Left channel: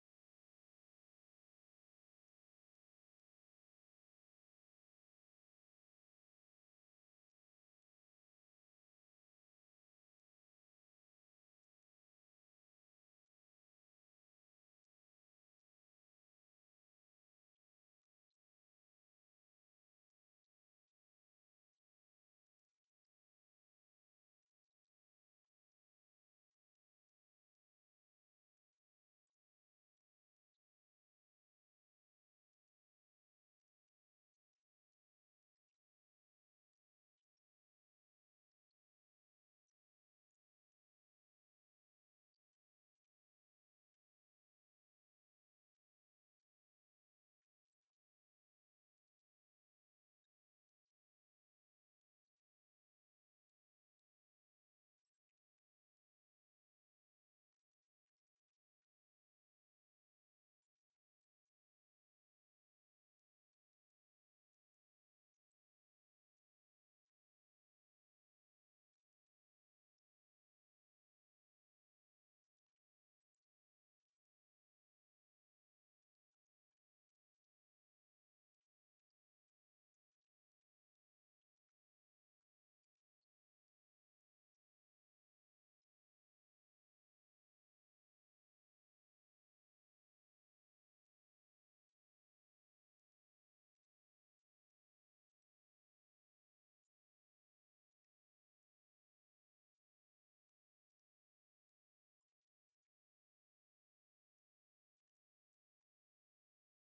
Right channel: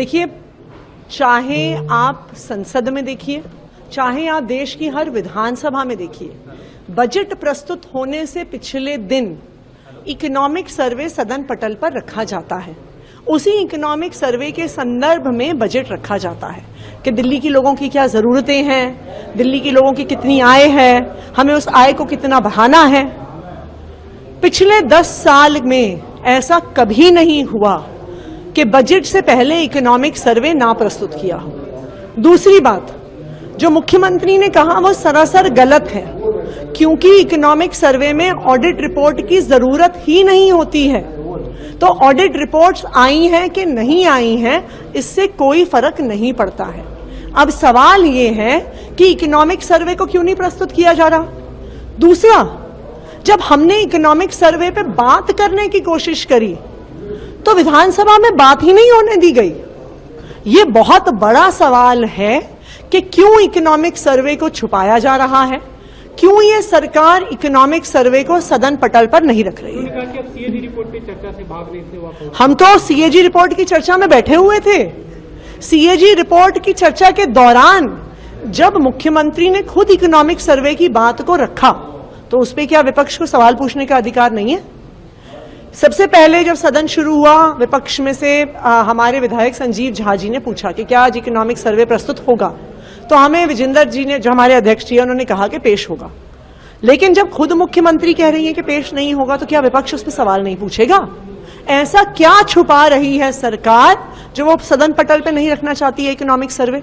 देखिए, चाहे आप संसद में देखिए, चाहे आप देश की हर विधानसभा में देखिए, बजट प्रस्तुत होने से पिछले दिन इकोनॉमिक सर्वे सदन पटल पर रखा जाता है। उसी इकोनॉमिक सर्वे के संदर्भ में बजट रखा जाता है कि दिल्ली के लोगों की क्या जरूरतें हैं, दिल्ली के लोगों की कितनी आय है, हमें उस आय को कितना बढ़ाना है। पिछले 10 साल में ऐसा कभी नहीं हुआ कि बजट से पहले इकोनॉमिक सर्वे ना प्रस्तुत किया हो। दूसरी बात, जो मुख्यमंत्री ने कहा वो सरासर गलत है, क्योंकि इकोनॉमिक सर्वे में ऑडिट रिपोर्ट की जरूरत ही नहीं होती है। तो ऑडिट रिपोर्ट्स आई हैं कि नहीं आई हैं, इससे कोई फर्क नहीं पड़ता है। अब सवाल ये है कि इकोनॉमिक सर्वे को क्यों नहीं प्रस्तुत किया जा रहा। दूसरा, जब हमने इकोनॉमिक सर्वे पे बात करने की कोशिश करी तो विधानसभा में बात ही नहीं होने दी गई। ये बहुत बड़ा सवाल है कि क्यों इकोनॉमिक सर्वे को छुपाया जा रहा है, क्यों ये सरकार इकोनॉमिक सर्वे को सदन पटल पर नहीं रख रही है। सीएजी रिपोर्ट पे चर्चा से भाग रहे थे हम तो सीएजी रिपोर्ट की चर्चा में बैठे हुए थे। सीएजी रिपोर्ट की चर्चा के दौरान जब मुख्यमंत्री ने खुद इकोनॉमिक सर्वे की बात को रखा तो उस पर क्या विपक्ष को सवाल पूछने का अधिकार नहीं है? सबसे पहले जब सदन शुरू हुआ, विपक्ष में से हमारे विधायक संजीव झा जी ने पूछा कि क्या आज इकोनॉमिक सर्वे प्रस्तुत होगा, तो हमें विजेंद्र जी ने, जो हमारे अध्यक्ष जी हैं, उन्होंने कहा कि पेश होगा। लेकिन जब खुद मुख्यमंत्री कह रही है कि पेश नहीं होगा, तो क्या विपक्ष उस पर सवाल नहीं पूछेगा? ऐसा क्या छुपा रही है सरकार जो वो सदन पटल पे नहीं रखना चाहती है इकोनॉमिक सर्वे?